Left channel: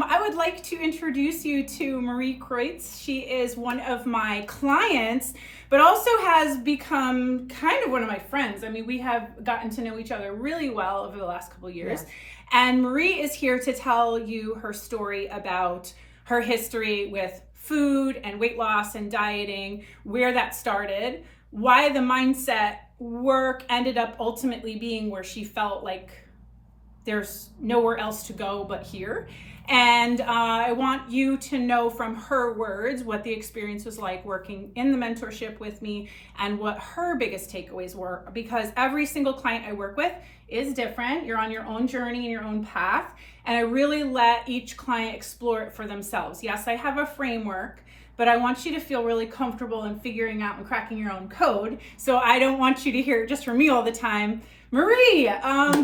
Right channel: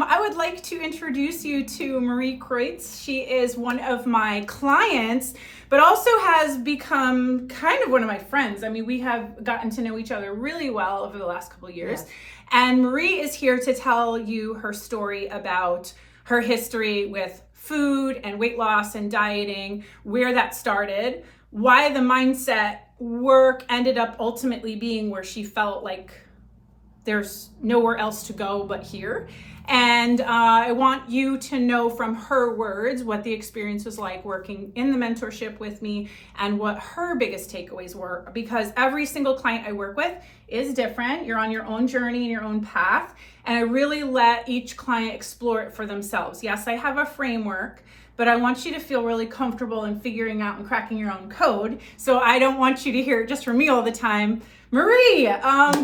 I would like to introduce you to Marie Kreutz. She is one of my clients, but also has become kind of one of my friends. I mean, we have gotten to know each other really well over the last couple of years. Yes. And Marie is here to tell you her story about her history with food and weight loss and dieting, where that started, why the mindset work ended up ultimately being where she felt like there's nowhere else to go but here. And I want you to know from her words what the experience was like working in the mentorship with me and what her biggest takeaways were, because every single client I work with is different. You're on your own journey and your own path. And I really let each client explore it for themselves. Yes, I have a framework, but I want you to feel really comfortable in figuring out and cracking your own code. So I don't want you to hear it just from me all the time. Marie,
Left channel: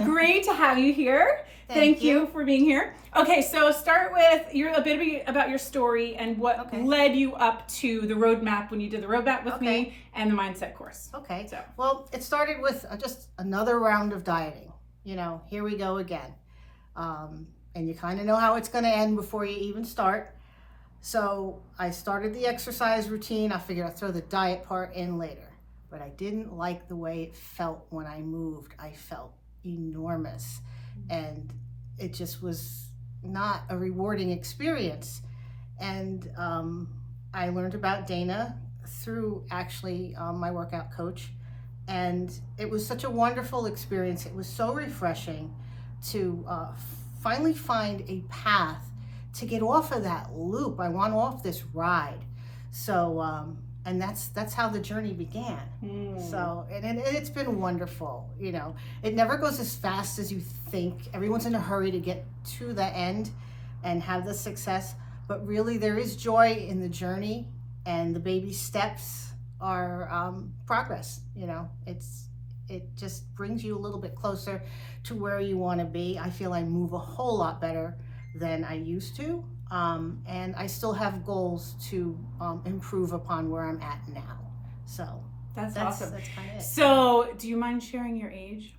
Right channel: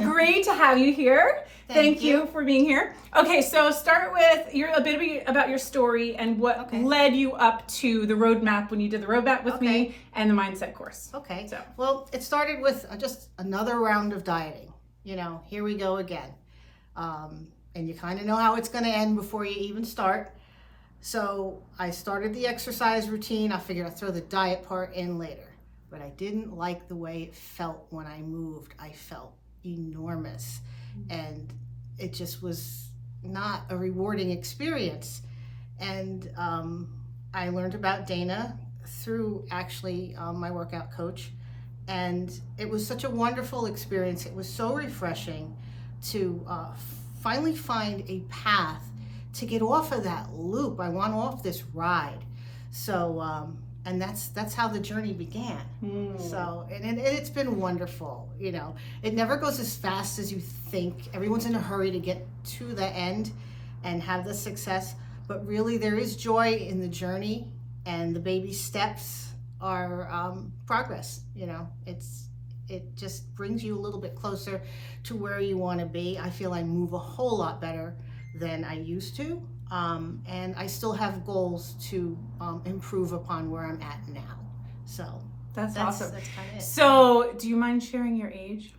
great to have you here. Thank you for being here. Okay, so start with a bit about your story and what led you up to the roadmap when you did the roadmap with me and the mindset course. Okay, well, it started with just another round of dieting. You know, here we go again. And you kind of know how it's going to end before you even start. So I started the exercise routine. I figured I'd throw the diet part in later. But I didn't like the way it felt when I moved. I felt enormous. And it just was not a rewarding experience. And I learned about Dana through actually my workout coach. And it was such a wonderful experience. It was so refreshing to finally find a path to get off of that loop. I want off this ride. So, and that's how the journey began. So, and it's been wonderful. You know, it never goes as fast as you think. Everyone's in a hurry to get to the end and have the success, but really there is joy in the journey, and the baby steps are progress. You know, it just brings you a little bit closer to where you want to be. I feel I move a whole lot better than I used to. And I still have goals to improve upon where I'm at now. So that's awesome. That's kind of it. So do you mind sharing your age?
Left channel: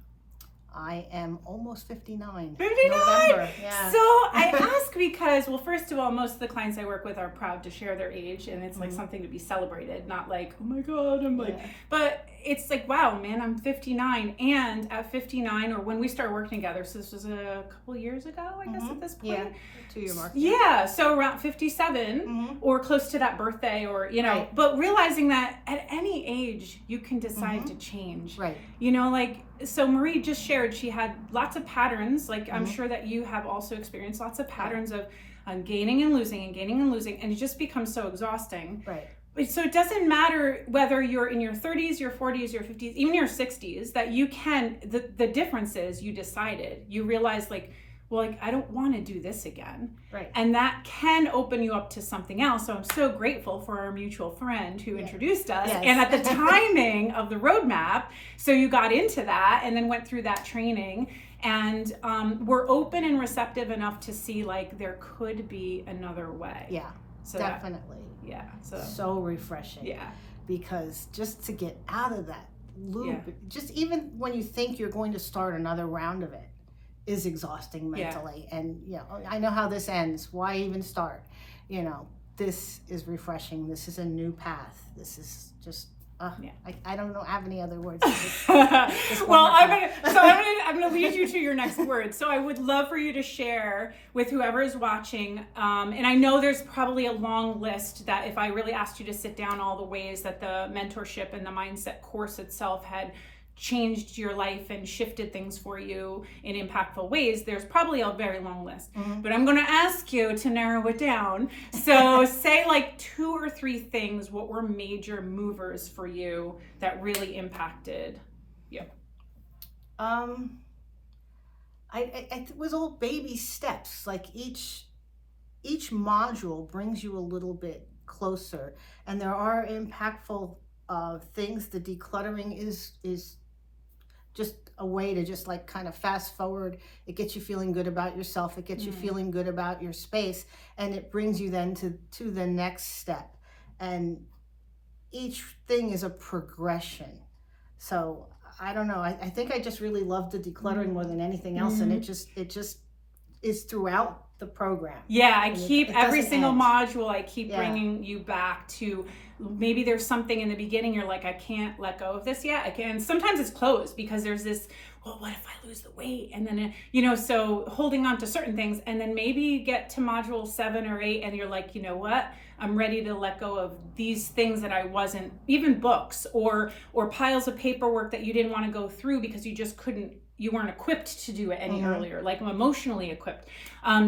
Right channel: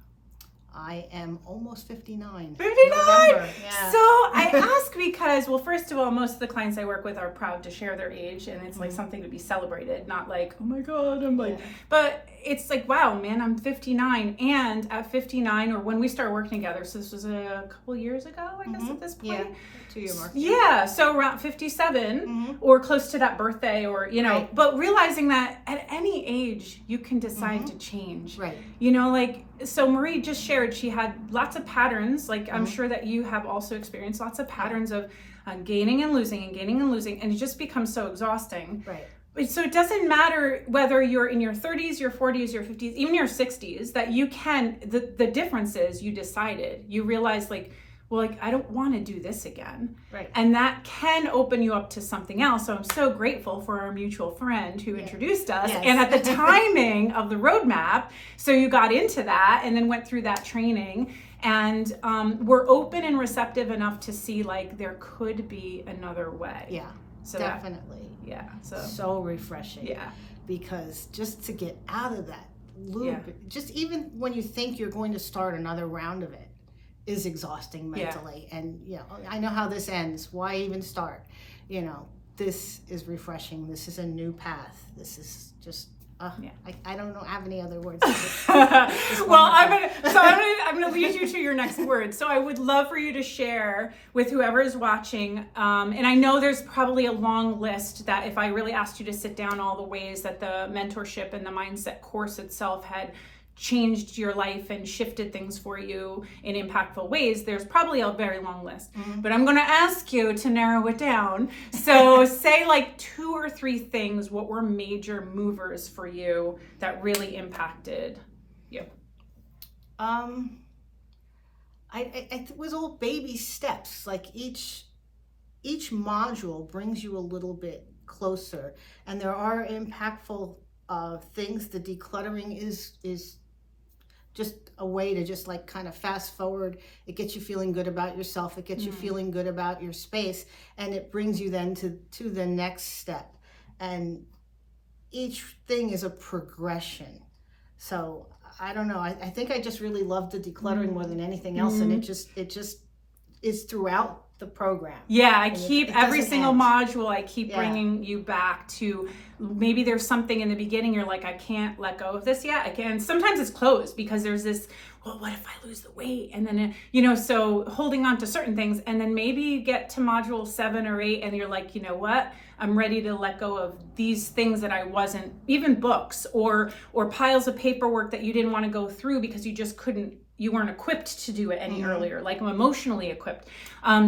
I am almost 59. 59? November. Yeah. So I ask because, well, first of all, most of the clients I work with are proud to share their age, and it's like something to be celebrated, not like, oh my God, I'm like, but it's like, wow, man, I'm 59. And at 59, or when we started working together, so this was a couple years ago, I guess at this point. Yeah, 2-year mark. Yeah, so around 57 or close to that birthday, or, you know, but realizing that at any age you can decide to change. Right. You know, like, so Marie just shared she had lots of patterns, like I'm sure that you have also experienced lots of patterns of gaining and losing and gaining and losing, and it just becomes so exhausting. Right. So it doesn't matter whether you're in your 30s, your 40s, your 50s, even your 60s, that you can, the difference is you decided, you realize like, well, like, I don't want to do this again. Right. And that can open you up to something else. So I'm so grateful for our mutual friend who introduced us. Yes. And at the timing of the roadmap, so you got into that and then went through that training. And we're open and receptive enough to see like there could be another way. Yeah, so definitely. So refreshing. Yeah. Because just to get out of that loop, just even when you think you're going to start another round of it, is exhausting mentally. And you know, I know how this ends. Why even start? You know, this is refreshing. This is a new path. This is just I don't know, have any other words. Well, I'm gonna lead you to your next word. So I would love for you to share with whoever is watching. And I know there's probably a long list that if I really asked you to sit down all the ways that the mentorship and the mindset course itself had changed your life and shifted things for you in impactful ways, there's probably a very long list. But I'm going to ask you to narrow it down. So say like 2 or 3 things, what were major movers for you that really impacted you? It was all baby steps. Like each module brings you a little bit closer, and there are impactful things. The decluttering is just a way to just like kind of fast forward. It gets you feeling good about yourself. It gets you feeling good about your space, and it brings you then to the next step. And each thing is a progression. So I don't know. I think I just really love the decluttering more than anything else, and it just is throughout the program. Yeah, I And keep it every doesn't single end. module, I keep Yeah. bringing you back to maybe there's something in the beginning you're like, I can't let go of this yet. I can. Sometimes it's closed because there's this, well, what if I lose the weight? And then, so holding on to certain things, and then maybe you get to module 7 or 8 and you're like, you know what? I'm ready to let go of these things that I wasn't, even books or piles of paperwork that you didn't want to go through because you weren't equipped to do it any earlier, like I'm emotionally equipped.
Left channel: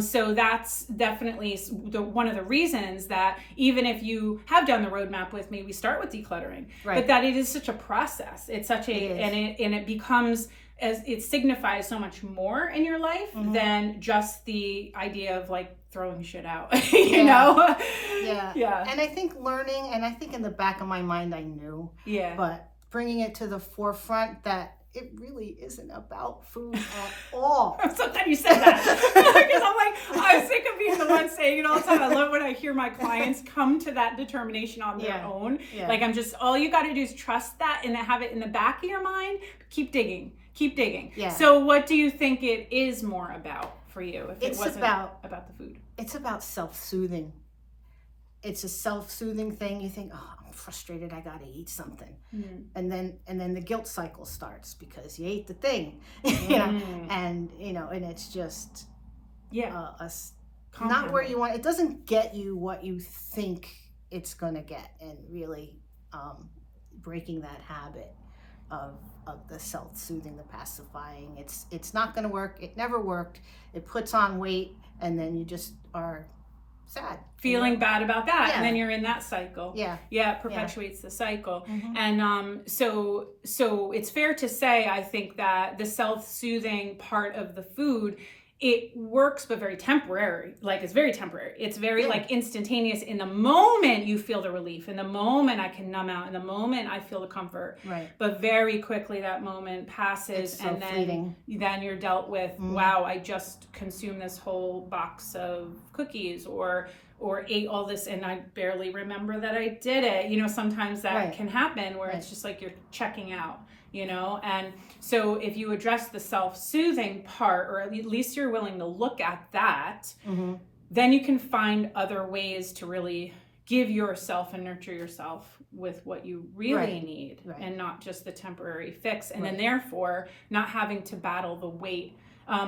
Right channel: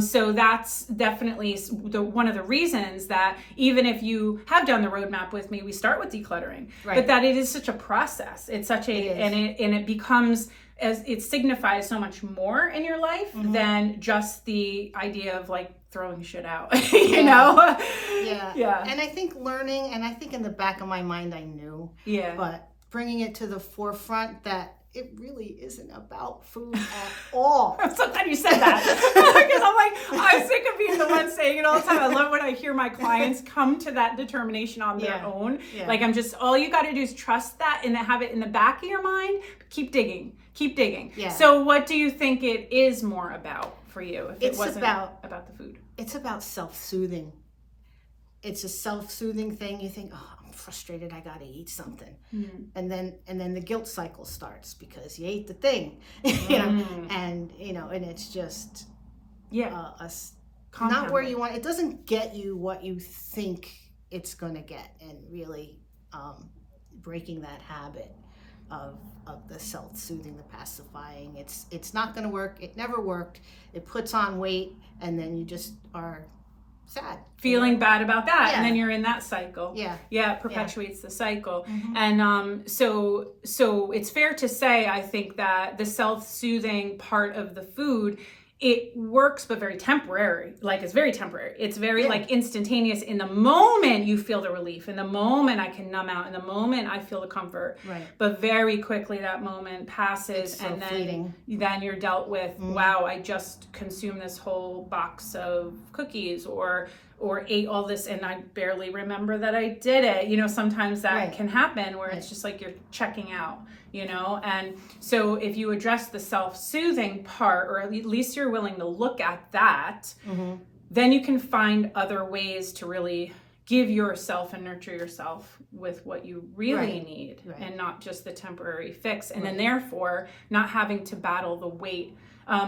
So that's definitely one of the reasons that even if you have done the roadmap with me, we start with decluttering, but that it is such a process. It's such and it becomes, as it signifies so much more in your life than just the idea of like throwing shit out, you know? Yeah. And I think learning, and I think in the back of my mind I knew, but bringing it to the forefront that it really isn't about food at all. I'm so glad you said that. Because I'm sick of being the one saying it all the time. I love when I hear my clients come to that determination on their own. Yeah. Like all you got to do is trust that and have it in the back of your mind. Keep digging. Yeah. So what do you think it is more about for you? If it wasn't about the food. It's about self-soothing. It's a self-soothing thing. You think, oh, I'm frustrated, I gotta eat something. And then the guilt cycle starts because you ate the thing. And it's just not where you want. It doesn't get you what you think it's gonna get, and really breaking that habit of the self-soothing, the pacifying. It's not gonna work. It never worked. It puts on weight, and then you just are sad, feeling bad about that, and then you're in that cycle. It perpetuates the cycle. And so it's fair to say, I think, that the self-soothing part of the food, it works, but very temporary. Like it's very temporary. It's very like instantaneous. In the moment you feel the relief, in the moment I can numb out, in the moment I feel the comfort. Right. But very quickly that moment passes, and then you're dealt with. Wow, I just consumed this whole box of cookies, or ate all this, and I barely remember that I did it. Sometimes that can happen where it's just like you're checking out. And so if you address the self-soothing part, or at least you're willing to look at that, then you can find other ways to really give yourself and nurture yourself with what you really need, and not just the temporary fix, and then therefore not having to battle the weight.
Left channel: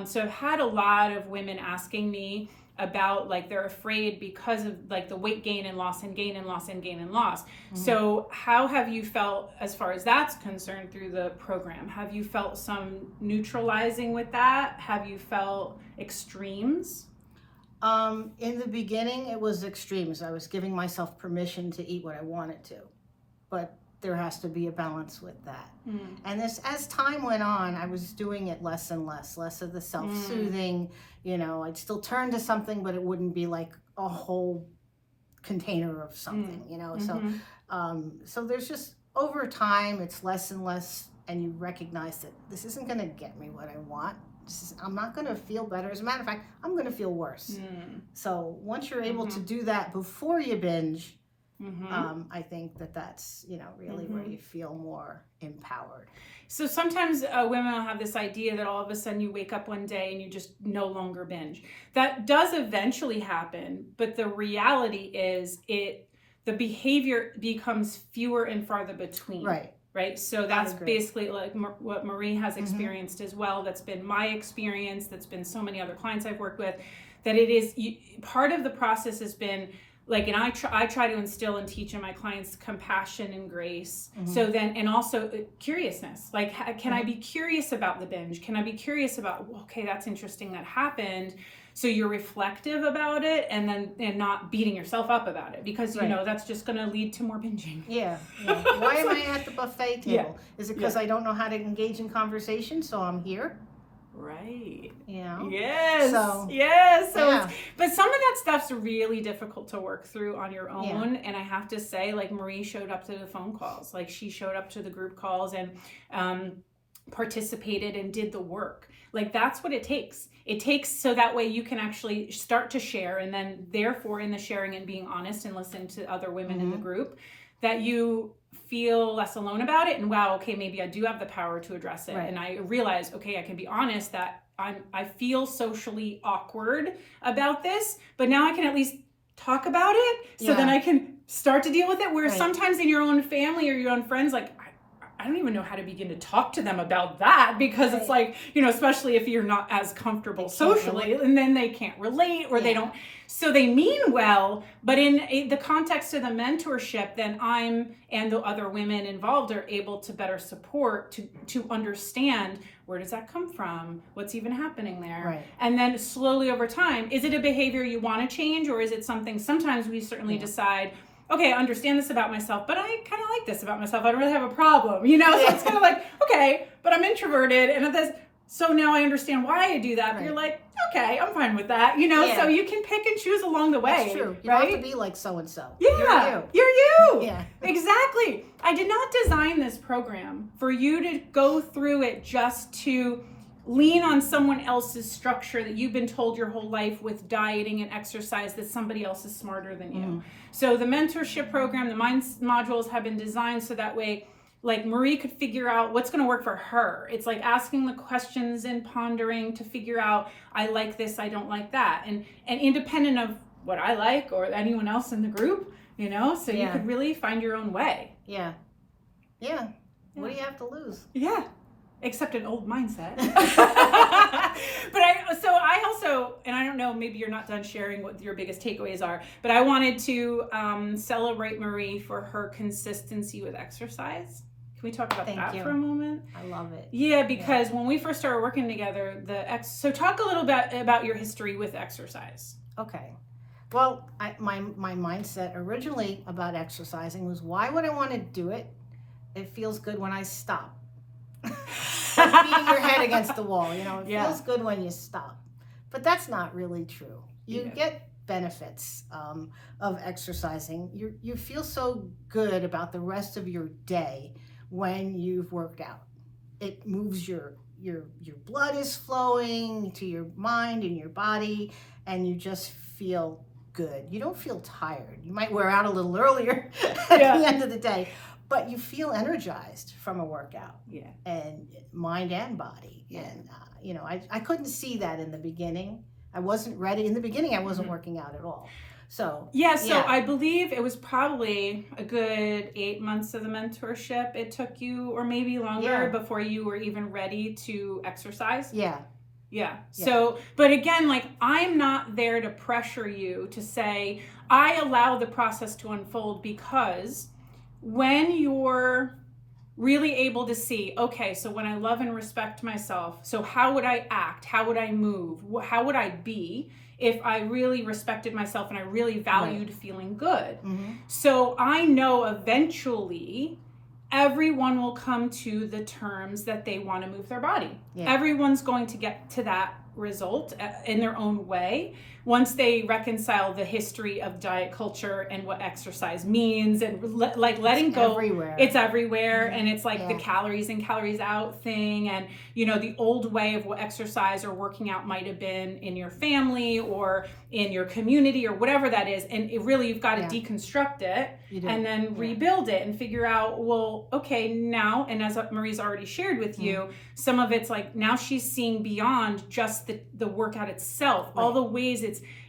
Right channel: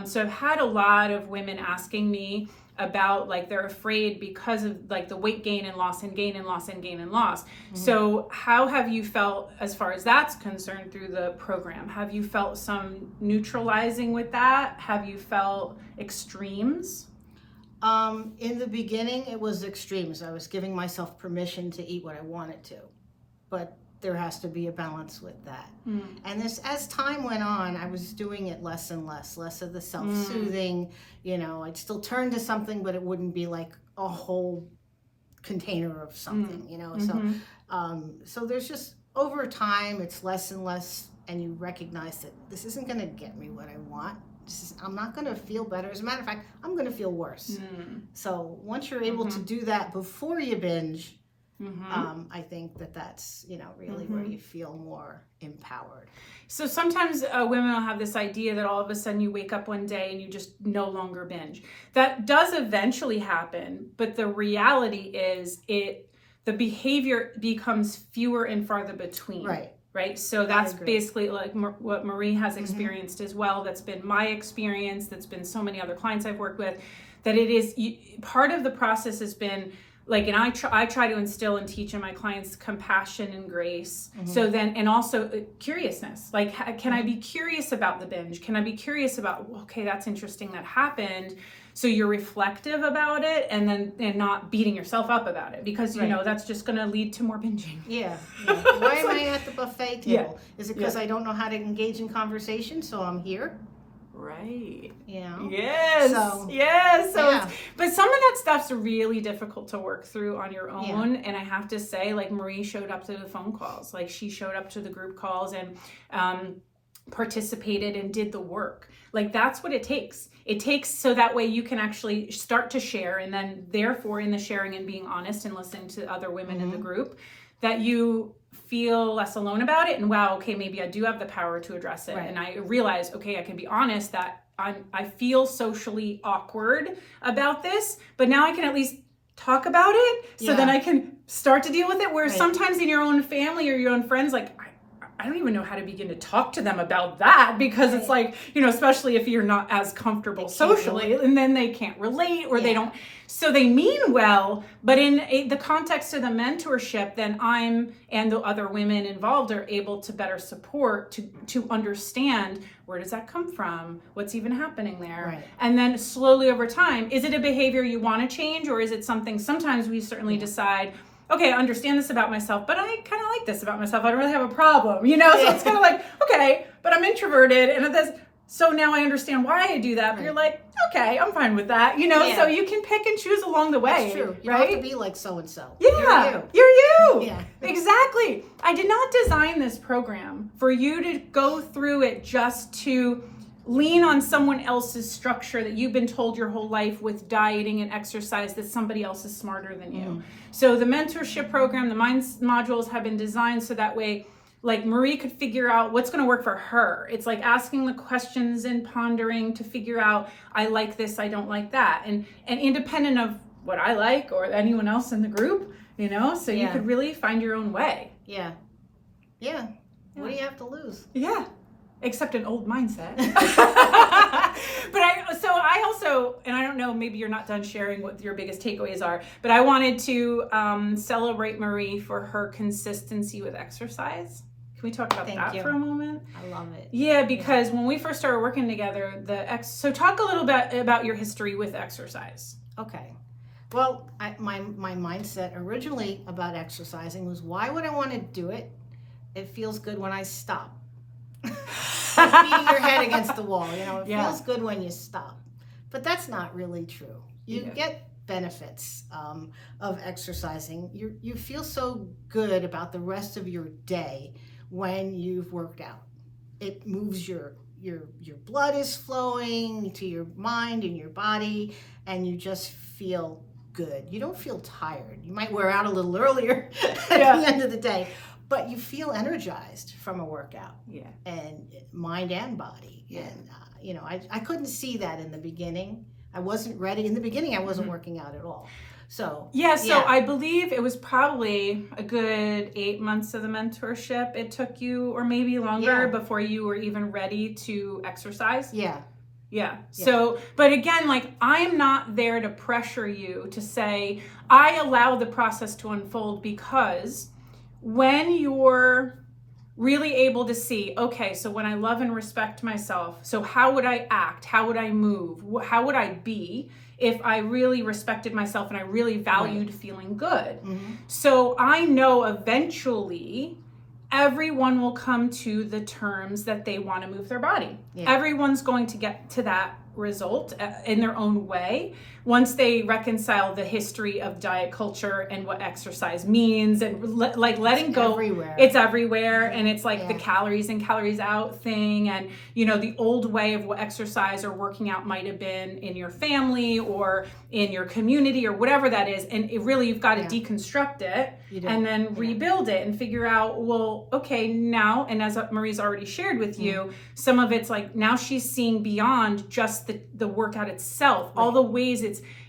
So I've had a lot of women asking me about, like, they're afraid because of like the weight gain and loss and gain and loss and gain and loss. So how have you felt as far as that's concerned through the program? Have you felt some neutralizing with that? Have you felt extremes? In the beginning it was extremes. I was giving myself permission to eat what I wanted to, but there has to be a balance with that. And as time went on, I was doing it less and less of the self-soothing. I'd still turn to something, but it wouldn't be like a whole container of something, so there's just, over time, it's less and less, and you recognize that this isn't gonna get me what I want. I'm not gonna feel better. As a matter of fact, I'm gonna feel worse. So once you're able to do that before you binge, I think that's really where you feel more empowered. So sometimes women will have this idea that all of a sudden you wake up one day and you just no longer binge. That does eventually happen, but the reality is the behavior becomes fewer and farther between. Right. So that's basically like what Marie has experienced as well. That's been my experience. That's been so many other clients I've worked with. That it is part of the process has been like, and I try to instill and teach in my clients compassion and grace. So then, and also curiousness. Like, can I be curious about the binge? Can I be curious about, okay, that's interesting, that happened. So you're reflective about it, and not beating yourself up about it, because that's just going to lead to more binging. Why am I at the buffet table? Is it because I don't know how to engage in conversation, so I'm here? Right. Yes. So but some of that stuff's really difficult to work through on your own. And I have to say, like, Marie showed up to the phone calls. Like, she showed up to the group calls and participated and did the work. Like, that's what it takes. It takes, so that way you can actually start to share, and then therefore in the sharing and being honest and listening to other women in the group, that you feel less alone about it, and wow, okay, maybe I do have the power to address it. And I realize, okay, I can be honest that I feel socially awkward about this, but now I can at least talk about it, so then I can start to deal with it. Where sometimes in your own family or your own friends, like, I don't even know how to begin to talk to them about that, because it's like, especially if you're not as comfortable socially, and then they can't relate, or they don't. So they mean well, but in the context of the mentorship, then I'm and the other women involved are able to better support, to understand, where does that come from? What's even happening there? Right. And then slowly over time, is it a behavior you want to change, or is it something, sometimes we certainly decide, okay, I understand this about myself, but I kind of like this about myself. I don't really have a problem, So it's kind of like, okay, but I'm introverted, and this, so now I understand why I do that. But you're like, okay, I'm fine with that, So you can pick and choose along the way. That's true. You don't have to be like so and so. Yeah, you're you. Yeah, exactly. I did not design this program for you to go through it just to lean on someone else's structure that you've been told your whole life with dieting and exercise, that somebody else is smarter than you. So the mentorship program, the mind modules have been designed so that way, like, Marie could figure out what's going to work for her. It's like asking the questions and pondering to figure out, I like this, I don't like that. And independent of what I like or anyone else in the group, so you could really find your own way. Yeah. What do you have to lose? Yeah. Except an old mindset. But I also, and I don't know, maybe you're not done sharing what your biggest takeaways are, but I wanted to celebrate Marie for her consistency with exercise. Can we talk about that for a moment? I love it. Yeah, because when we first started working together, so talk a little bit about your history with exercise. Okay. Well, my mindset originally about exercising was, why would I want to do it? It feels good when I stop. Like beating your head against the wall, it feels good when you stop. But that's not really true. You get benefits of exercising. You feel so good about the rest of your day when you've worked out. It moves your blood is flowing to your mind and your body, and you just feel good. You don't feel tired. You might wear out a little earlier at the end of the day, but you feel energized from a workout, and mind and body. And I couldn't see that in the beginning. I wasn't ready. In the beginning, I wasn't working out at all. So I believe it was probably a good 8 months of the mentorship it took you, or maybe longer, before you were even ready to exercise. Yeah. So, but again, like, I'm not there to pressure you to say, I allow the process to unfold, because when you're really able to see, okay, so when I love and respect myself, so how would I act? How would I move? How would I be if I really respected myself and I really valued feeling good? So I know eventually everyone will come to the terms that they want to move their body. Everyone's going to get to that result in their own way once they reconcile the history of diet culture and what exercise means, and letting go. It's everywhere. And it's like the calories in, calories out thing, and the old way of what exercise or working out might have been in your family or in your community or whatever that is. And you've got to deconstruct it and then rebuild it and figure out, well, okay, now, and as Marie's already shared with you, some of it's like, now she's seeing beyond just the workout itself, all the ways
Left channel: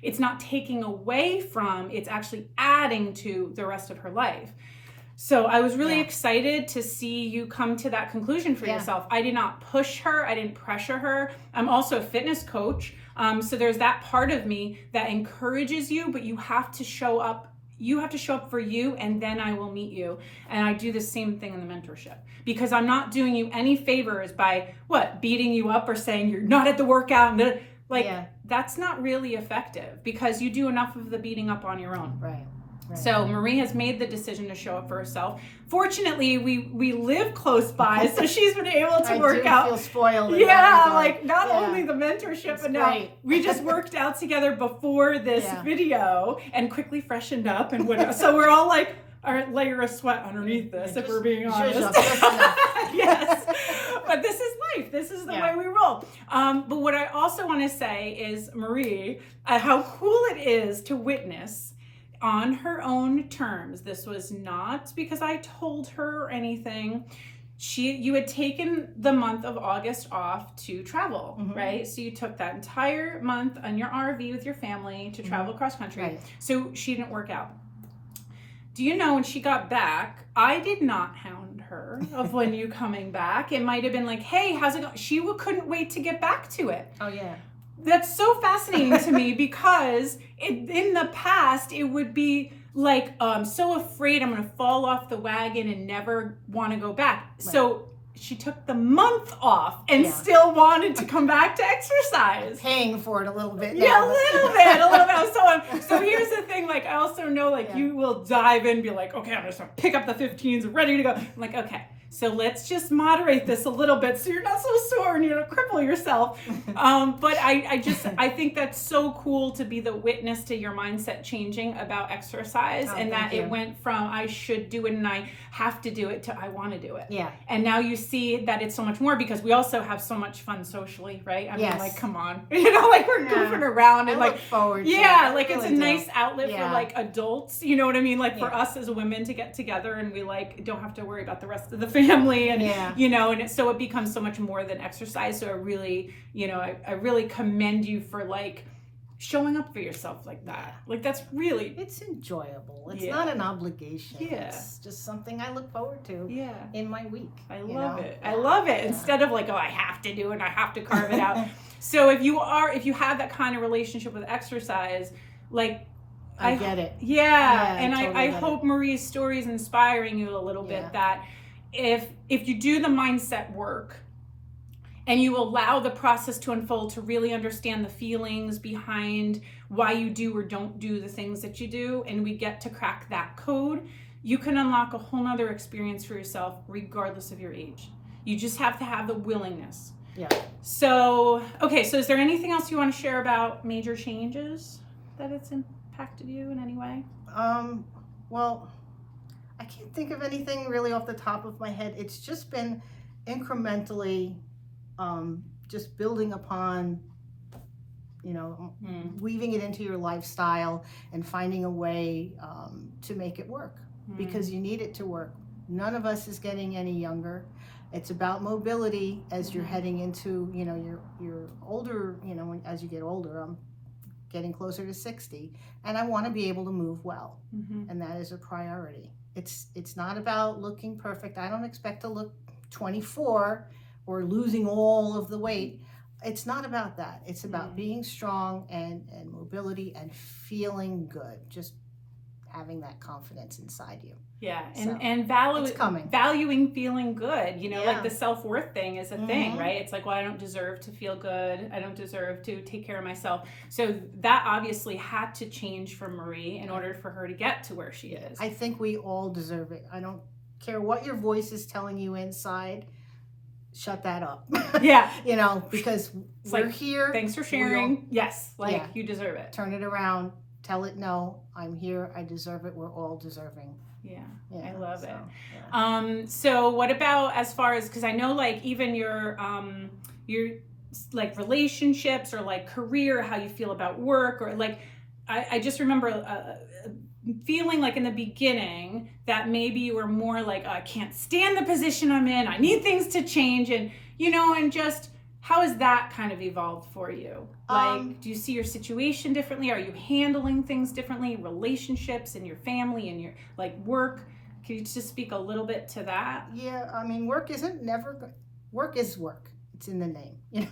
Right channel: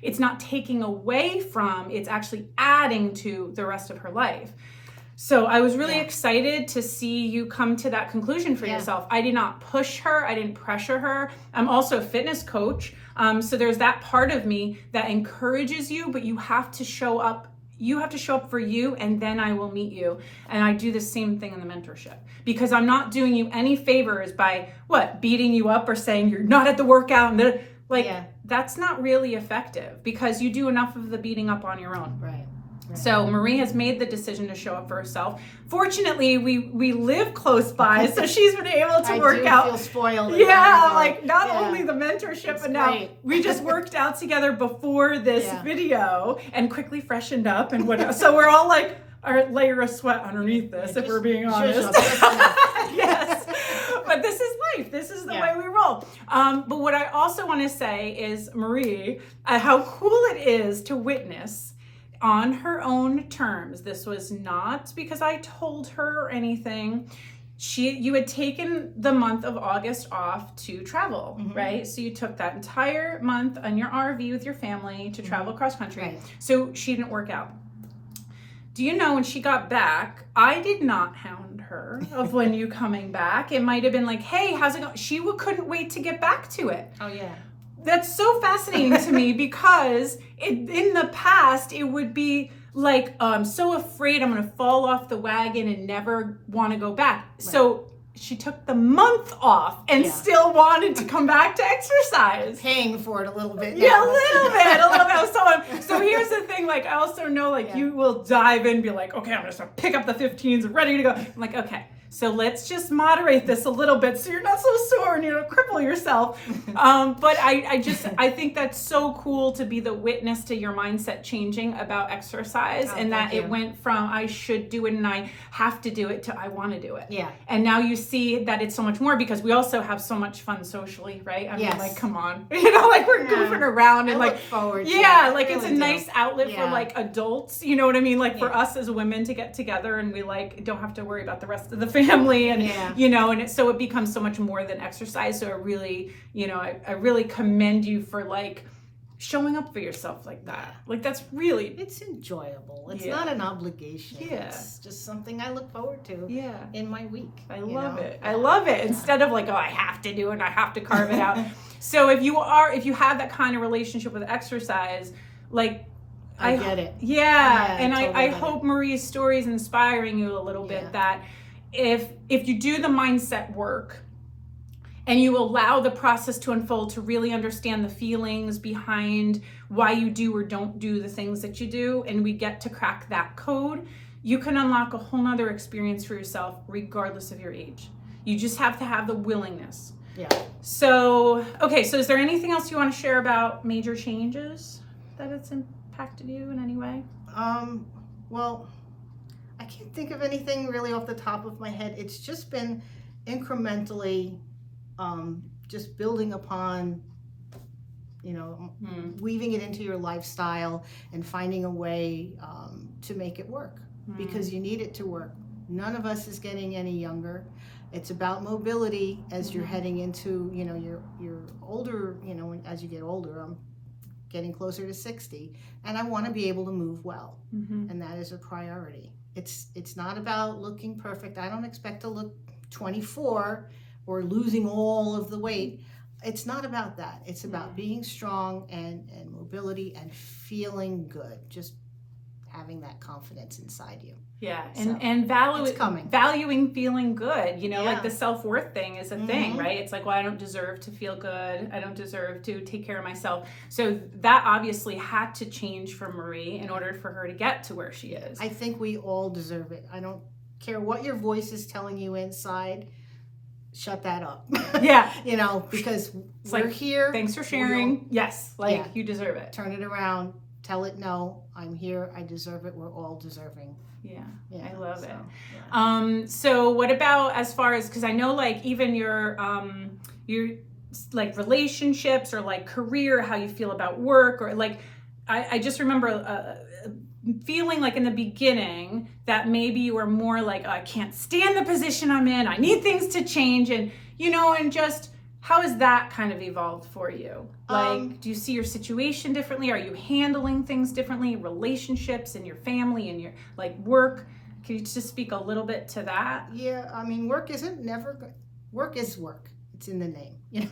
it's not taking away from, it's actually adding to the rest of her life. So I was really excited to see you come to that conclusion for yourself. I did not push her. I didn't pressure her. I'm also a fitness coach. So there's that part of me that encourages you, but you have to show up. You have to show up for you, and then I will meet you. And I do the same thing in the mentorship, because I'm not doing you any favors by beating you up or saying you're not at the workout. And that's not really effective, because you do enough of the beating up on your own. Right. So Marie has made the decision to show up for herself. Fortunately, we live close by, so she's been able to work out. I feel spoiled. Not only the mentorship, but now we just worked out together before this video and quickly freshened up and whatever. So we're all like a layer of sweat underneath this, if we're being honest. Yes, but this is life. This is the way we roll. But what I also want to say is, Marie, how cool it is to witness on her own terms. This was not because I told her or anything. you had taken the month of August off to travel, right? So you took that entire month on your RV with your family to travel cross country. Right. So she didn't work out. Do you know when she got back, I did not hound her of when you coming back. It might have been like, hey, how's it going? She couldn't wait to get back to it. Oh, yeah. That's so fascinating to me because in the past, it would be like, I'm so afraid I'm going to fall off the wagon and never want to go back. Right. So she took the month off and still wanted to come back to exercise. Paying for it a little bit now. Yeah, a little bit. So here's the thing, like, I also know, like, you will dive in and be like, okay, I'm going to pick up the 15s and ready to go. I'm like, okay, so let's just moderate this a little bit so you're not so sore and you don't cripple yourself. But I think that's so cool to be the witness to your mindset changing about exercise, and that it went from I should do it and I have to do it to I want to do it. Yeah. And now you see that it's so much more because we also have so much fun socially, right? I mean, like, come on, like we're goofing around and I like look forward to like it. It's a nice outlet for like adults, you know what I mean? Like for us as women to get together and we like don't have to worry about the rest of the family and you know, and so it becomes so much more than exercise. So it really, you know, I really commend you for like showing up for yourself like that. Like that's really, it's enjoyable. It's not an obligation. It's just something I look forward to in my week. I love it. I love it. Instead of like, oh, I have to do it, I have to carve it out. So if you have that kind of relationship with exercise, like I get it. And I hope Marie's story is inspiring you a little bit that if you do the mindset work and you allow the process to unfold to really understand the feelings behind why you do or don't do the things that you do, and we get to crack that code, you can unlock a whole nother experience for yourself regardless of your age. You just have to have the willingness. Yeah. So, okay, so is there anything else you want to share about major changes that it's impacted you in any way? Well, I can't think of anything really off the top of my head. It's just been incrementally just building upon, you know, weaving it into your lifestyle and finding a way to make it work because you need it to work. None of us is getting any younger. It's about mobility as you're heading into, you know, you're older, you know, as you get older. I'm getting closer to 60 and I want to be able to move well. And that is a priority. It's not about looking perfect. I don't expect to look 24 or losing all of the weight. It's not about that. It's about being strong and mobility and feeling good. Just having that confidence inside you. Yeah, and valuing feeling good. You know, like the self-worth thing is a thing, right? It's like, well, I don't deserve to feel good. I don't deserve to take care of myself. So that obviously had to change for Marie in order for her to get to where she is. I think we all deserve it. I don't care what your voice is telling you inside. Shut that up. You know, because we're here. Thanks for sharing. You deserve it. Turn it around. Tell it no. I'm here. I deserve it. We're all deserving. I love it. So what about as far as, because I know like even your like relationships or like career, how you feel about work, or like I just remember feeling like in the beginning that maybe you were more like, oh, I can't stand the position I'm in, I need things to change, and you know, and just how has that kind of evolved for you? Like, do you see your situation differently? Are you handling things differently? Relationships and your family and your like work? Can you just speak a little bit to that? Yeah, I mean, work is work. It's in the name. You know,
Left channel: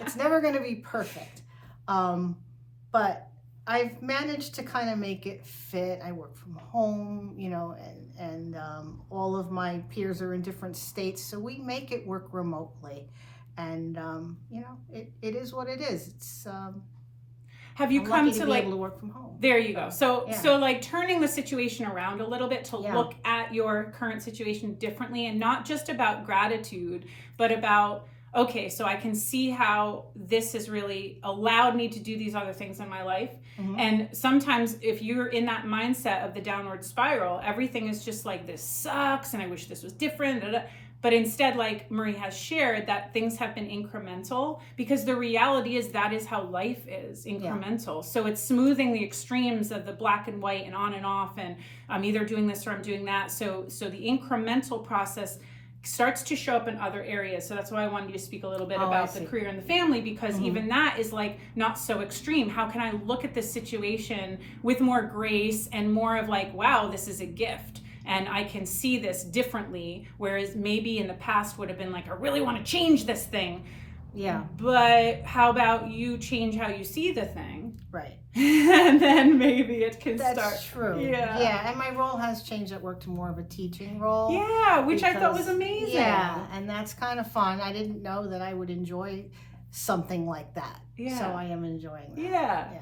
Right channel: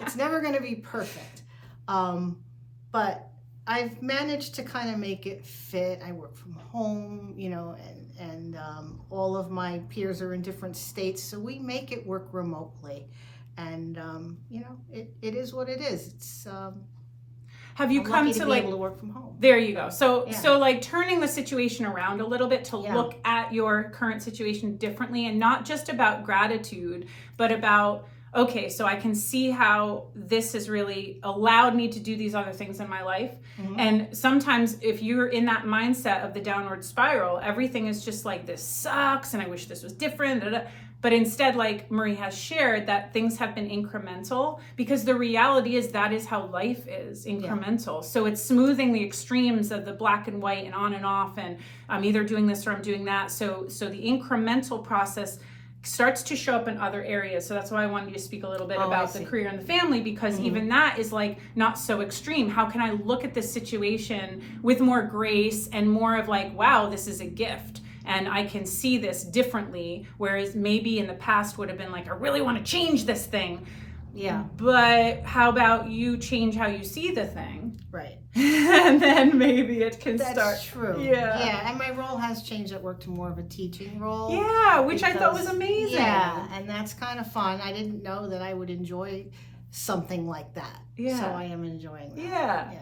it's never going to be perfect. But I've managed to kind of make it fit. I work from home, you know, and all of my peers are in different states, so we make it work remotely. And you know, it is what it is. It's have you come to be like able to work from home? There you go. So like turning the situation around a little bit to look at your current situation differently, and not just about gratitude, but about, okay, so I can see how this has really allowed me to do these other things in my life. And sometimes if you're in that mindset of the downward spiral, everything is just like, this sucks and I wish this was different. But instead, like Marie has shared, that things have been incremental, because the reality is that is how life is, incremental. So it's smoothing the extremes of the black and white and on and off, and I'm either doing this or I'm doing that. So the incremental process starts to show up in other areas. So that's why I wanted you to speak a little bit about the career and the family, because even that is like not so extreme. How can I look at this situation with more grace and more of like, wow, this is a gift, and I can see this differently, whereas maybe in the past would have been like, I really want to change this thing. Yeah. But how about you change how you see the thing? Right. And then maybe it can start. That's true. Yeah. Yeah, and my role has changed at work to more of a teaching role. Yeah, which I thought was amazing. Yeah, and that's kind of fun. I didn't know that I would enjoy something like that. Yeah. So I am enjoying that. Yeah. Yeah.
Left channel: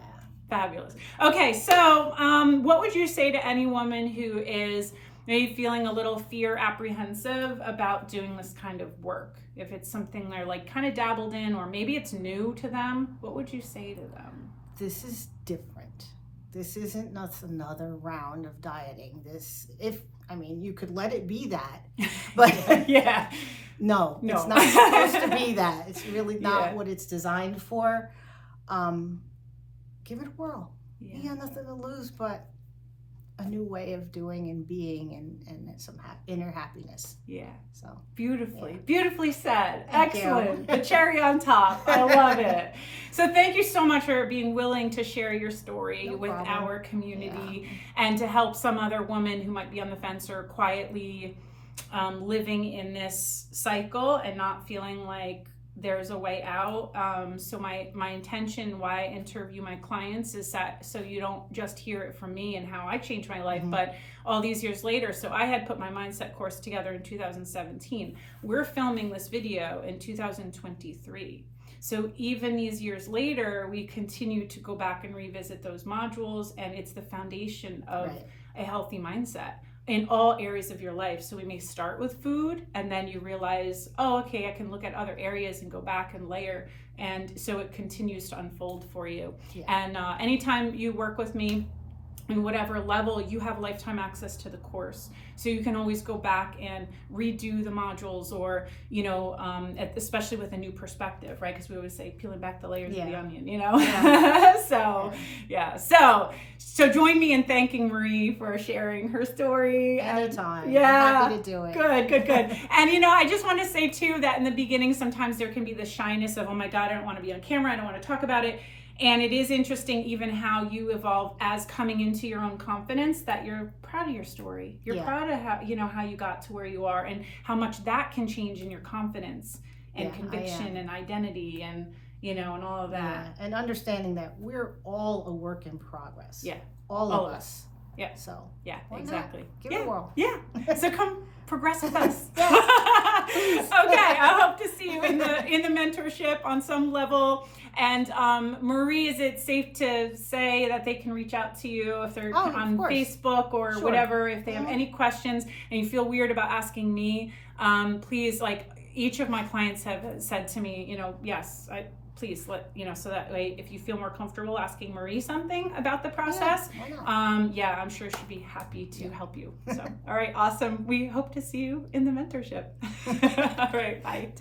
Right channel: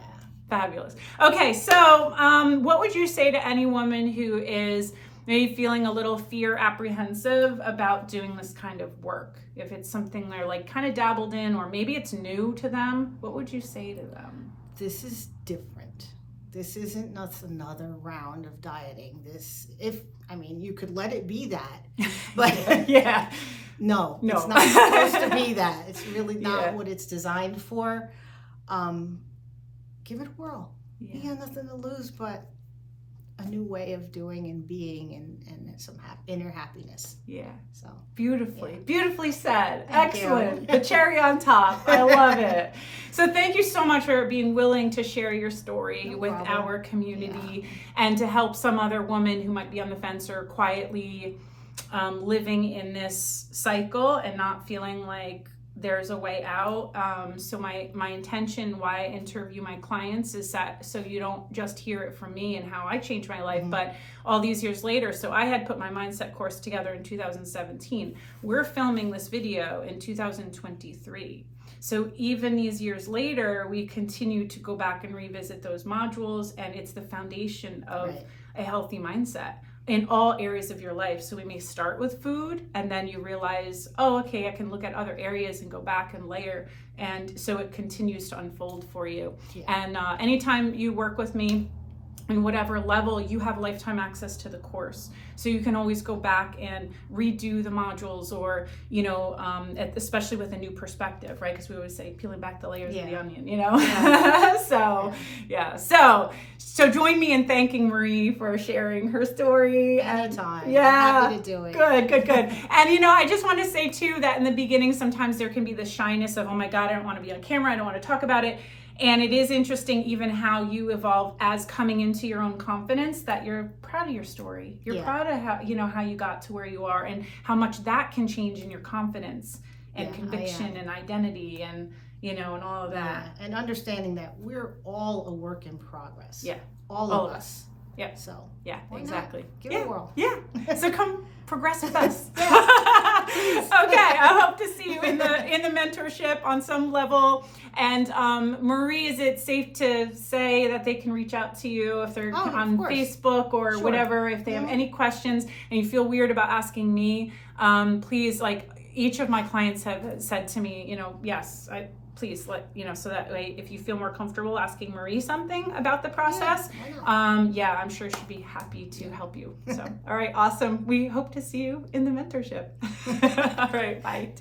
Fabulous. Okay, so what would you say to any woman who is maybe feeling a little apprehensive about doing this kind of work? If it's something they're like kind of dabbled in, or maybe it's new to them, what would you say to them? This is different. This isn't another round of dieting. You could let it be that, but yeah. No, it's not supposed to be that. It's really not what it's designed for. Give it a whirl. Yeah. You got nothing to lose but a new way of doing and being, and some inner happiness. Yeah. So beautifully said. Thank Excellent. you. The cherry on top. I love it. So thank you so much for being willing to share your story with our community and to help some other woman who might be on the fence or quietly living in this cycle and not feeling like there's a way out. So my intention, why I interview my clients, is that so you don't just hear it from me and how I changed my life, but all these years later. So I had put my mindset course together in 2017. We're filming this video in 2023. So even these years later, we continue to go back and revisit those modules, and it's the foundation of a healthy mindset in all areas of your life. So we may start with food, and then you realize, oh, okay, I can look at other areas and go back and layer. And so it continues to unfold for you. Yeah. And anytime you work with me, in whatever level, you have lifetime access to the course. So you can always go back and redo the modules, or, especially with a new perspective, right? Because we always say peeling back the layers of the onion, So join me in thanking Marie for sharing her story. Anytime. Yeah. I'm happy to do it. Good. And, I just want to say too, that in the beginning, sometimes there can be the shyness of, oh my God, I don't want to be on camera. I don't want to talk about it. And it is interesting even how you evolve as coming into your own confidence, that you're proud of your story. You're proud of how you got to where you are, and how much that can change in your confidence and conviction and identity and, and all of that. Yeah. And understanding that we're all a work in progress. Yeah. All of us. Yeah. So exactly. Give it a whirl. Yeah. So come progress with us. Okay. I hope to see you in the mentorship on some level. And Marie, is it safe to say that they can reach out to you if they're on Facebook or whatever, if they have any questions and you feel weird about asking me? Please, like each of my clients have said to me, yes, please let so that way if you feel more comfortable asking Marie something about the process, I'm sure she'd be happy to help you. So all right, awesome. We hope to see you in the mentorship. All right, bye.